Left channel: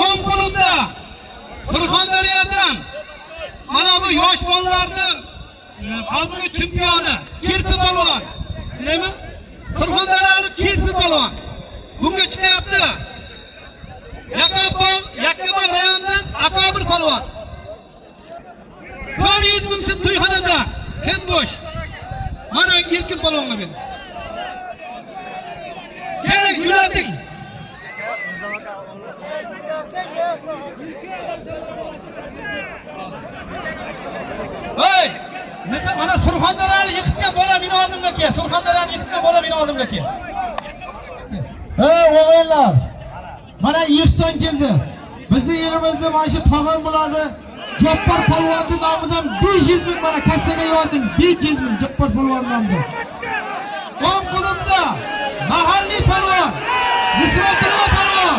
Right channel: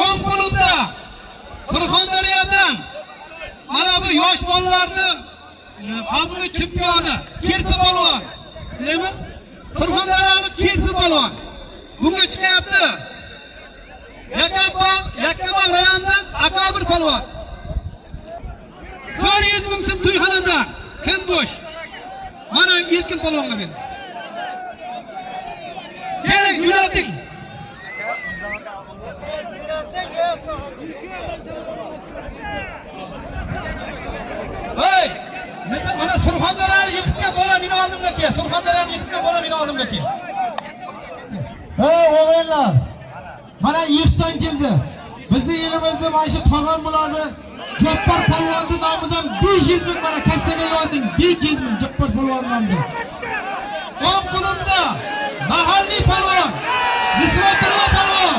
O'ng qo'limda Surxondaryodan mana bu yosh bolalarning xalqi chempioni Kirpi polvon. Nima? Surxondaryolik Kirpi polvon. Bunga chiqyapti. Yakkabog' rayonidan Akobir polvon. 400 ming so'm to'yxonada kim bo'sh? Mana Erkin polvonga berdi. Kerak jo'nating. Voy! Mana Surxondaryoni yiqitgan bola meni oldimga kel. Surxondaryoni yiqitgan bola meni oldimga kel. Hey o'g'illar. Mana Ihson keldi. Bizning yerimizda mana shu tog'am bo'ladi. Jabbor polvonning nomidan 500 ming mana kassaga yo'ldim. 500 ming Jabbor polvon nomidan. O'ng qo'limda mahalliy polvon Nusratullo polvon.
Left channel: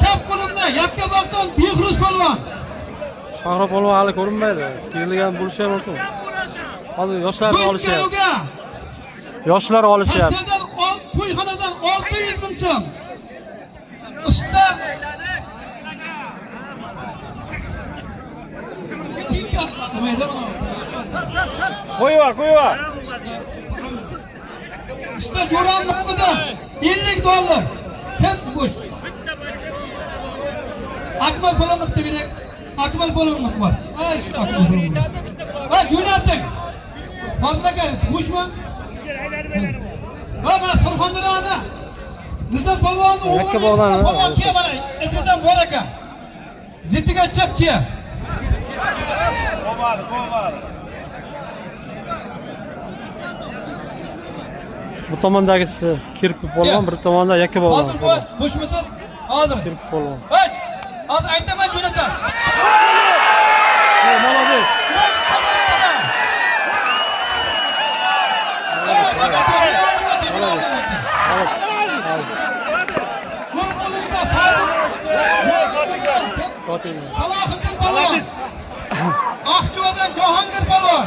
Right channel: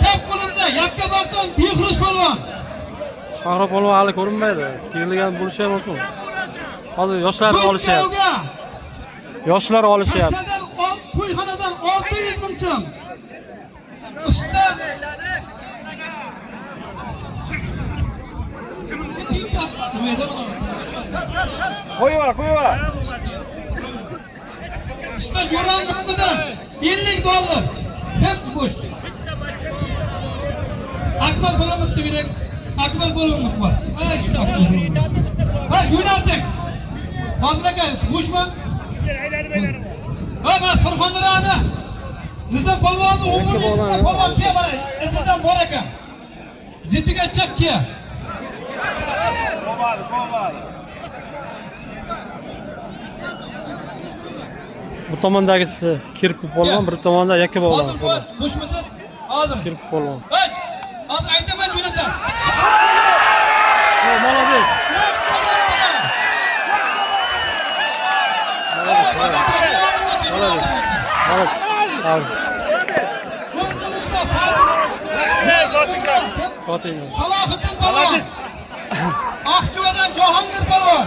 Chap qo'limda Yakkabog'dan Behruz polvon. Shahro polvon hali ko'rinmaydi. Kelgan bo'lishi ham mumkin. Hozir yoshlar olishyapti. Yoshlar olishyapti. To'yxonadan 600 ming so'm. Usta qo'yvar. Usta Jo'ran Muhammadov $50. Hep qo'sh. Akmal polvonga bering. Akmal polvonga bor. Ha, shu Akmal polvon. Ha, jo'nating. Fozil aka, bo'shmi? Ha, mana Surxondaryoni Nizam polvonni o'g'li polvon kel mana. Izidan bor ekan. Zitiga chap kel. Bu tomondagisi Kirpi polvon, bir tomonda Yakkabog' polvon. Bo'shmisiz? Hozir. Kirpi polvon. Hozir aytaman jo'nataman. Молодец. Soting. Aqchuadan Jahongir polvon.